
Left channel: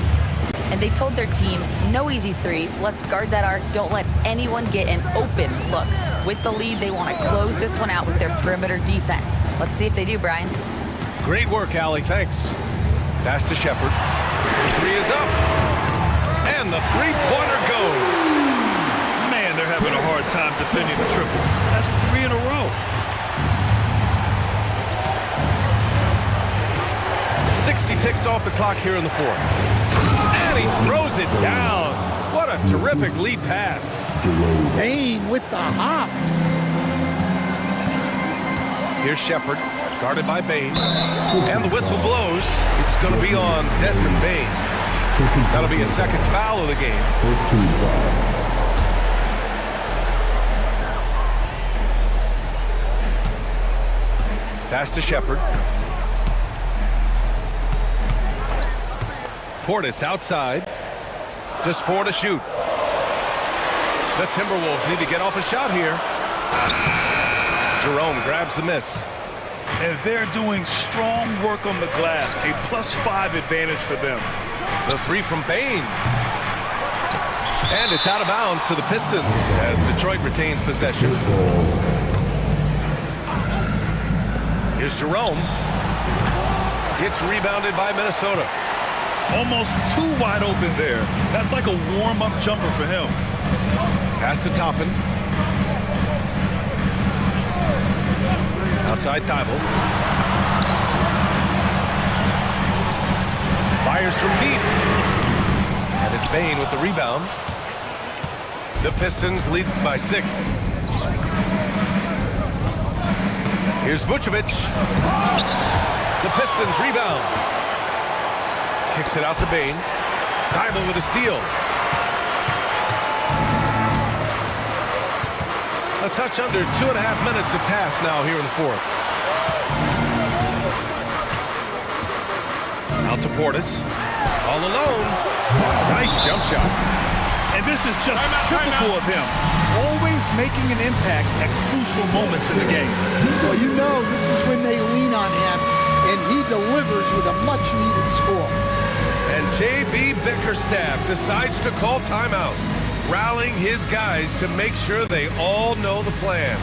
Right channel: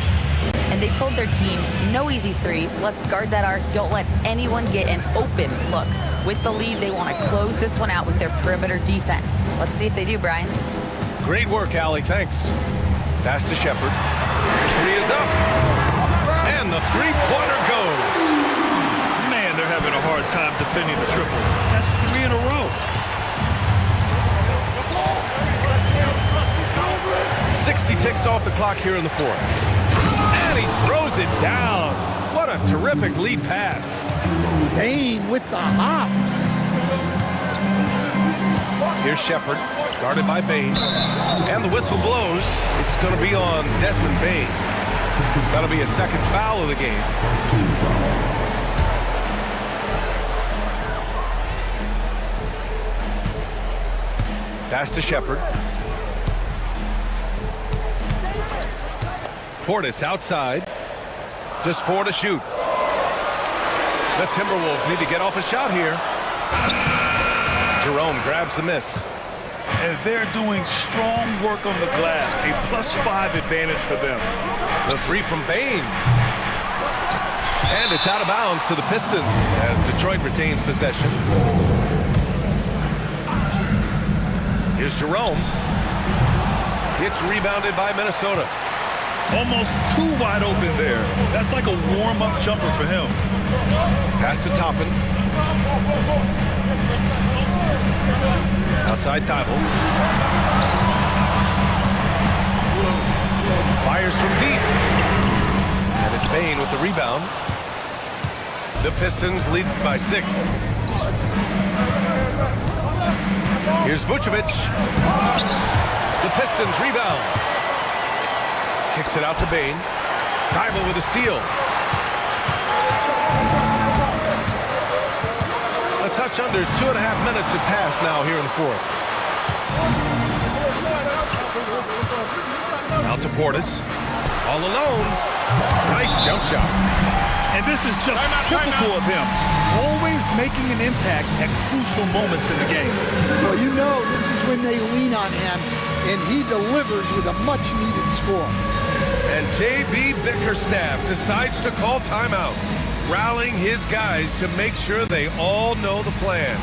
And they told their team, no easy threes. Let's guard that arc. Don't let anyone get an open look. With the lead, they want to close this one out with their perimeter defense. Let's see if they do, Brian. Great work, Allie. Thanks. Pass to Shepard. The three is up. And the three-pointer goes. Man, they're having a hard time defending the triple. That's 3 in a row. 60 ticks off the clock here in the fourth. And he throws it down. What a terrific lead pass. Bane with the hops. Here's Shepard, guarded by Bane. And the whistle blows. It's going to be on Desmond Bane. That'll be a second foul of the game. First team foul. Pass to Shepard. Portis outside. Just 4 to shoot. The Timberwolves need to get off a shot here. Jerome grabs the miss. And they're doing strong work on the glass. A +5 advantage for them. The three from Bane. And it's out of bounds to the Pistons as Detroit retains possession. Here's Jerome. It's rebounded by Minnesota. Almost too wide open there. That's like a warm-up jumper for him. Pass to Toppin. Outside Thibault. Fires from deep. And it's Bane with the rebound. The Pistons lead by 6. Here's Vucevic. The Pistons rebound. Kicks it out to Bane. Thibault with a steal. A touch under 2.5 minutes have passed now here in the fourth. Out to Portis. All alone. Nice jump shot. And this is just typical of him. Always making an impact at crucial moments in the game. Well, you know this is when they lean on him, and he delivers with a much-needed score. And J.B. Bickerstaff decides to call timeout, rallying his guys to make sure they all know the plan.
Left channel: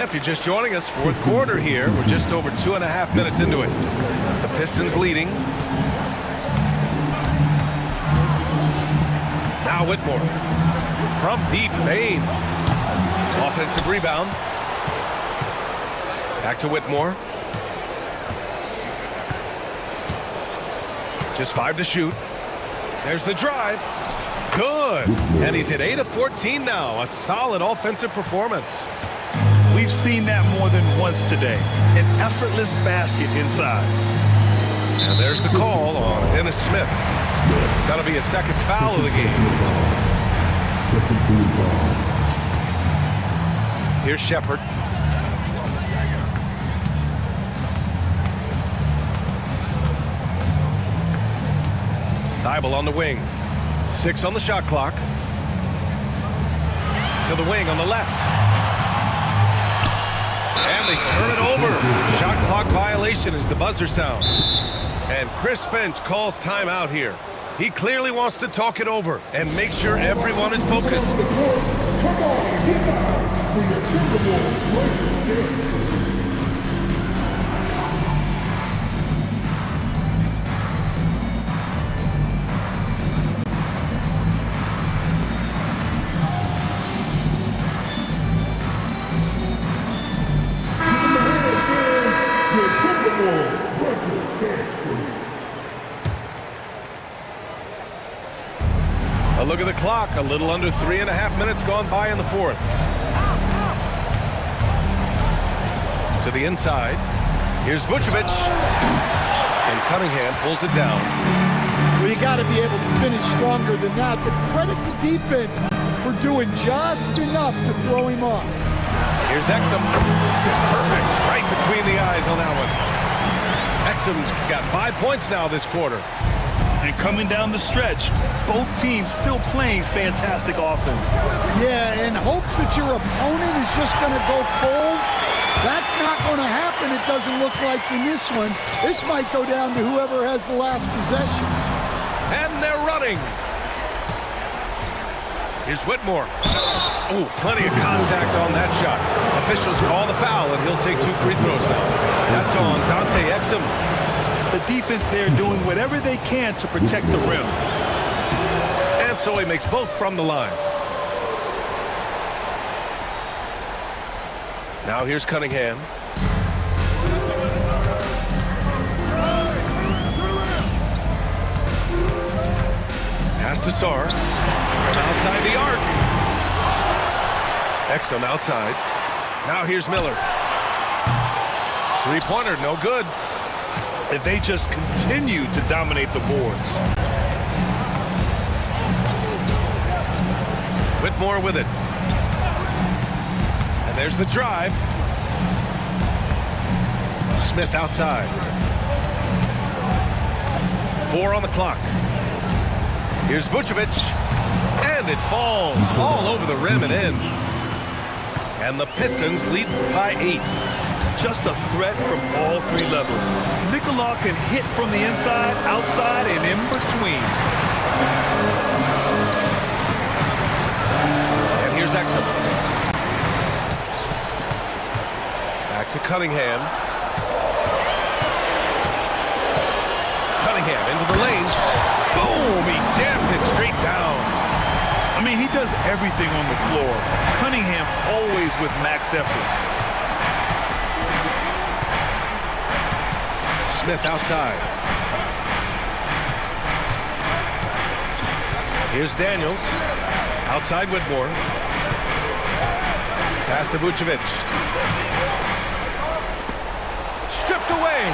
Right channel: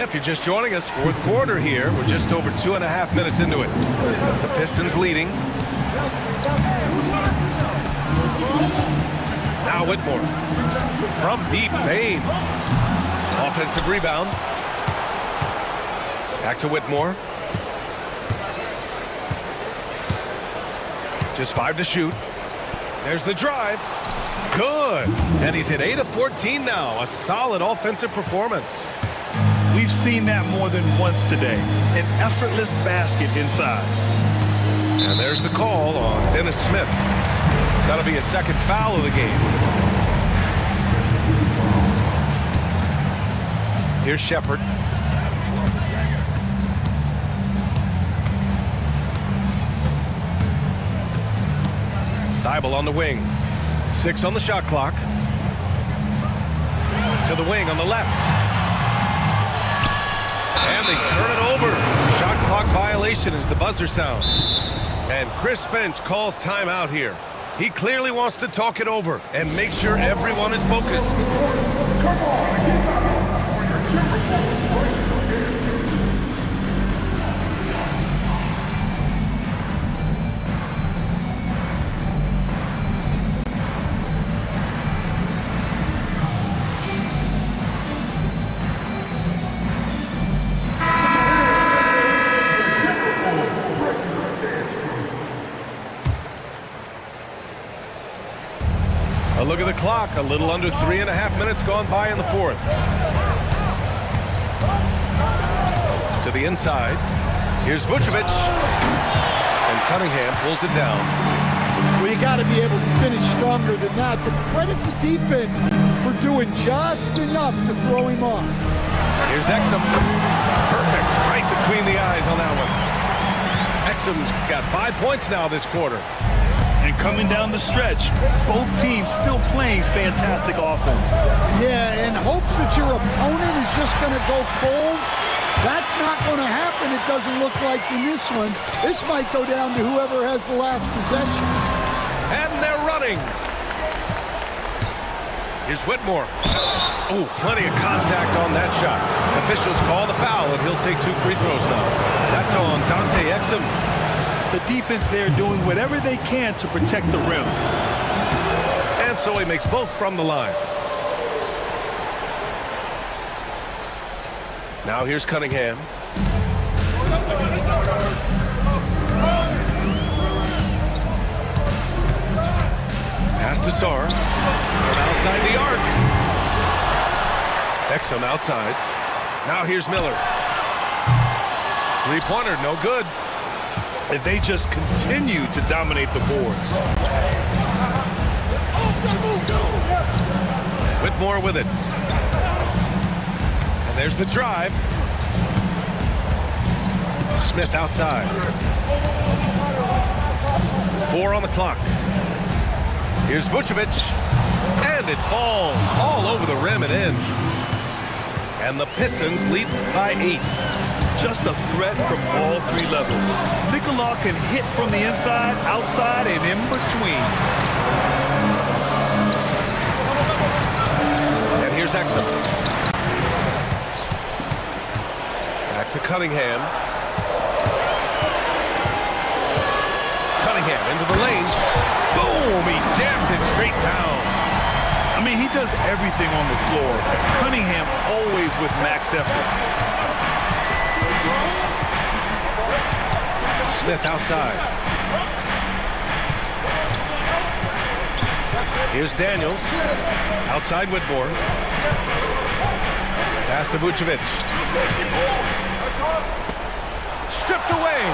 If you're just joining us, fourth quarter here. We're just over 2.5 minutes into it. The Pistons leading. Now Whitmore. From deep, Bane. Offensive rebound. Back to Whitmore. Just 5 to shoot. There's the drive. Good. And he's hit 8 of 14 now. A solid offensive performance. We've seen that more than once today. An effortless basket inside. And there's the call on Dennis Smith. That'll be a second foul of the game. Second team foul. Here's Shepard. Thibault on the wing. 6 on the shot clock. To the wing on the left. And they turn it over. Shot clock violation as the buzzer sounds. And Chris Finch calls timeout here. He clearly wants to talk it over and make sure everyone is focused. Come on, get down for your Timberwolves break. A look at the clock. A little under 3.5 minutes gone by in the fourth. To the inside. Here's Vucevic. And Cunningham pulls it down. Well, you got to be able to finish stronger than that, but credit the defense for doing just enough to throw him off. Here's Exum. Perfect. Right between the eyes on that one. Exum's got 5 points now this quarter. And coming down the stretch, both teams still playing fantastic offense. Yeah, in hopes that your opponent is just going to go cold. That's not going to happen, it doesn't look like in this one. This might go down to whoever has the last possession. And they're running. Here's Whitmore. Oh, plenty of contact on that shot. Officials call the foul, and he'll take 2 free throws now. That's on Dante Exum. The defense there doing whatever they can to protect the rim. And so he makes both from the line. Now here's Cunningham. Pass to Sarr. From outside the arc. Exum outside. Now here's Miller. Three-pointer, no good. If they just continue to dominate the boards. Whitmore with it. And there's the drive. Smith outside. 4 on the clock. Here's Vucevic. And it falls all over the rim and in. And the Pistons lead by 8. Just a threat from all 3 levels. Nicola can hit from the inside, outside, and in between. And here's Exum. Back to Cunningham. Cunningham into the lane. Boom! He jams it straight down. I mean, he does everything on the floor. Cunningham always with max effort. Smith outside. Here's Daniels. Outside Whitmore. Pass to Vucevic. Stripped away.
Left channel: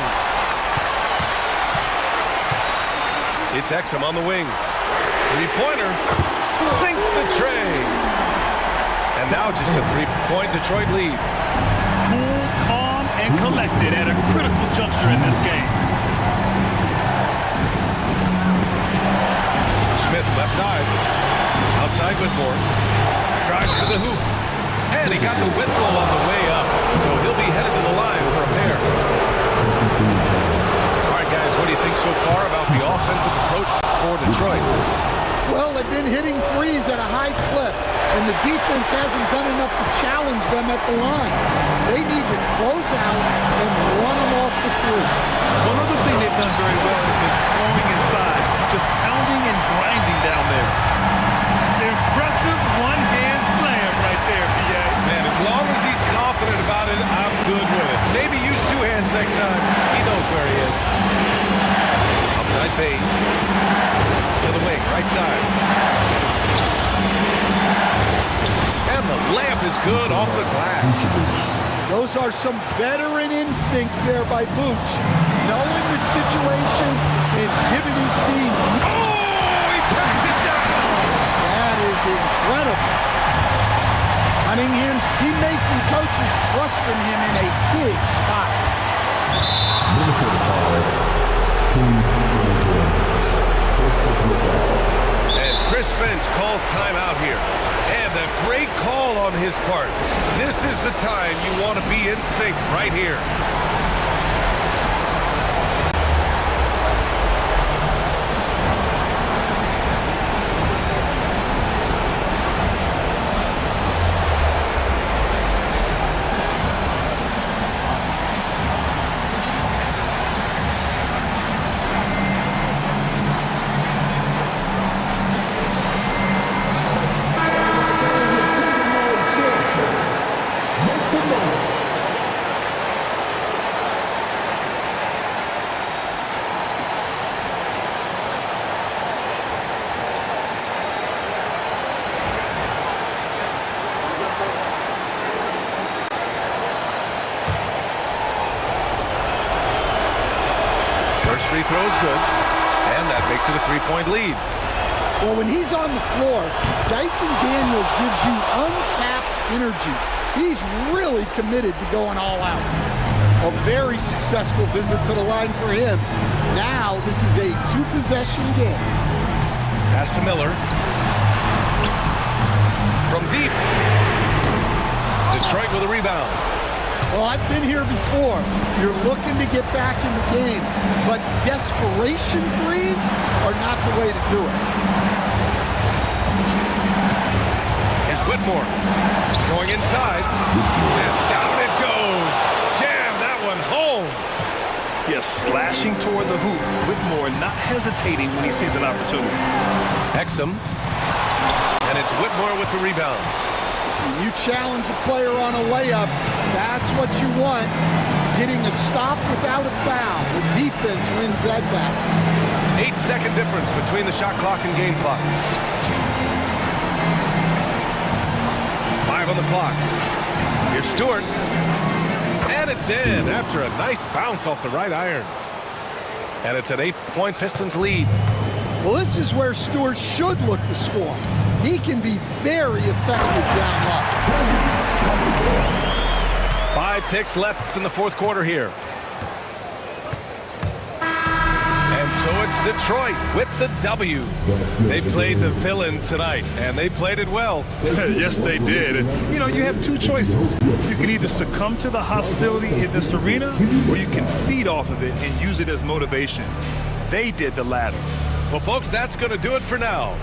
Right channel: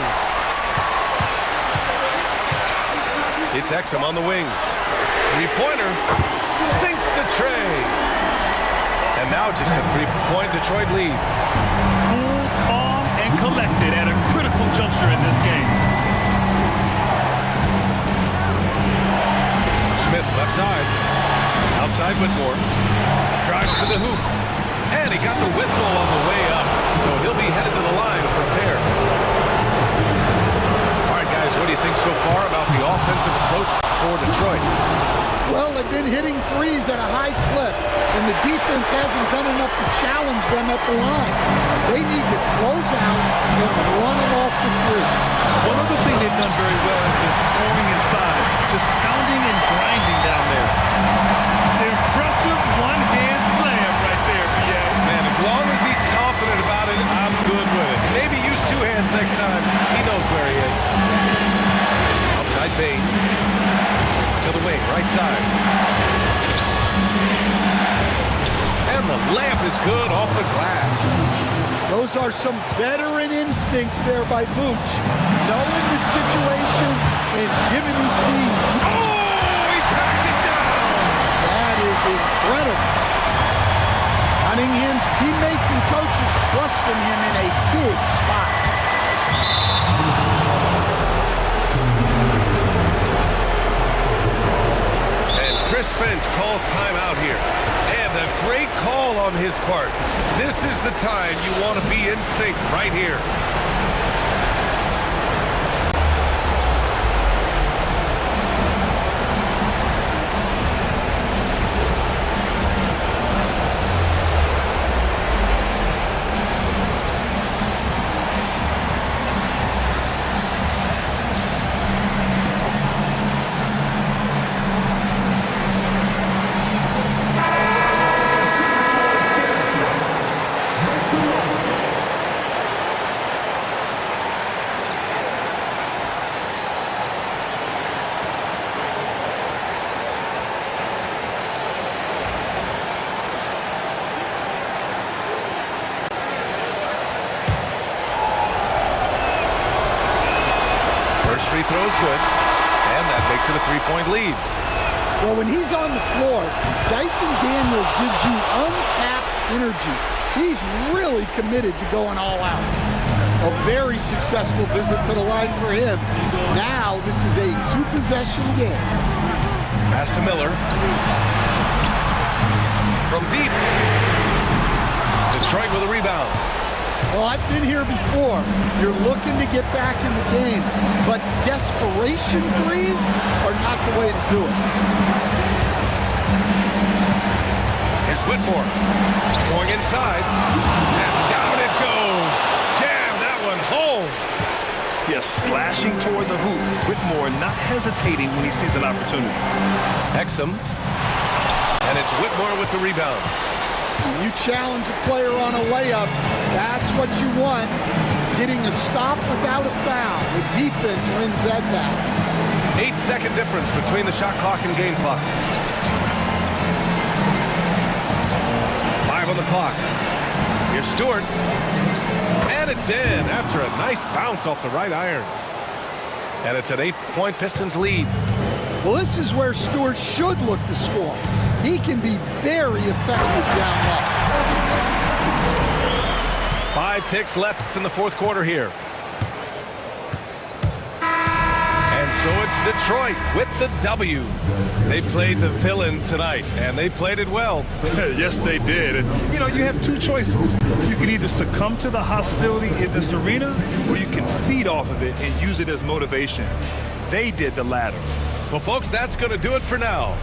It's Exum on the wing. Three-pointer. Sinks the tray. And now just a 3-point Detroit lead. Cool, calm, and collected at a critical juncture in this game. Smith left side. Outside Whitmore. Drives to the hoop. And he got the whistle on the way up. So he'll be headed to the line for a pair. All right, guys, what do you think so far about the offensive approach for Detroit? Well, they've been hitting threes at a high clip, and the defense hasn't done enough to challenge them at the line. They need to close out and run them off the three. One other thing they've done very well has been scoring inside, just pounding and grinding down there. Impressive one-hand slam right there, B.A. Man, as long as he's confident about it, I'm good with it. Maybe use 2 hands next time. He knows where he is. Outside Bain. To the wing, right side. And the layup is good off the glass. Those are some veteran instincts there by Vooch. Knowing the situation and giving his team. Oh, he packs it down. That is incredible. Cunningham's teammates and coaches trusting him in a big spot. Chris Finch calls timeout here. And a great call on his part. This is the time you want to be in sync right here. First free throw is good, and that makes it a three-point lead. Well, when he's on the floor, Dyson Daniels gives you uncapped energy. He's really committed to going all out. A very successful visit to the line for him. Now this is a two-possession game. Pass to Miller. From deep. Detroit with a rebound. Well, I've been here before. You're looking to get back in the game, but desperation threes are not the way to do it. Here's Whitmore. Going inside. And down it goes. Jam that one home. Yes, slashing toward the hoop. Whitmore not hesitating when he sees an opportunity. Exum. And it's Whitmore with the rebound. When you challenge a player on a layup, that's what you want. Getting a stop without a foul. The defense wins that battle. 8-second difference between the shot clock and game clock. 5 on the clock. Here's Stewart. And it's in after a nice bounce off the right iron. And it's an 8-point Pistons lead. Well, this is where Stewart should look to score. He can be very effective down low. 5 ticks left in the fourth quarter here. And so it's Detroit with the W. They played the villain tonight, and they played it well. Yes, they did. And, you know, you have two choices. You can either succumb to the hostility in this arena, or you can feed off of it and use it as motivation. They did the latter. Well, folks, that's going to do it for now.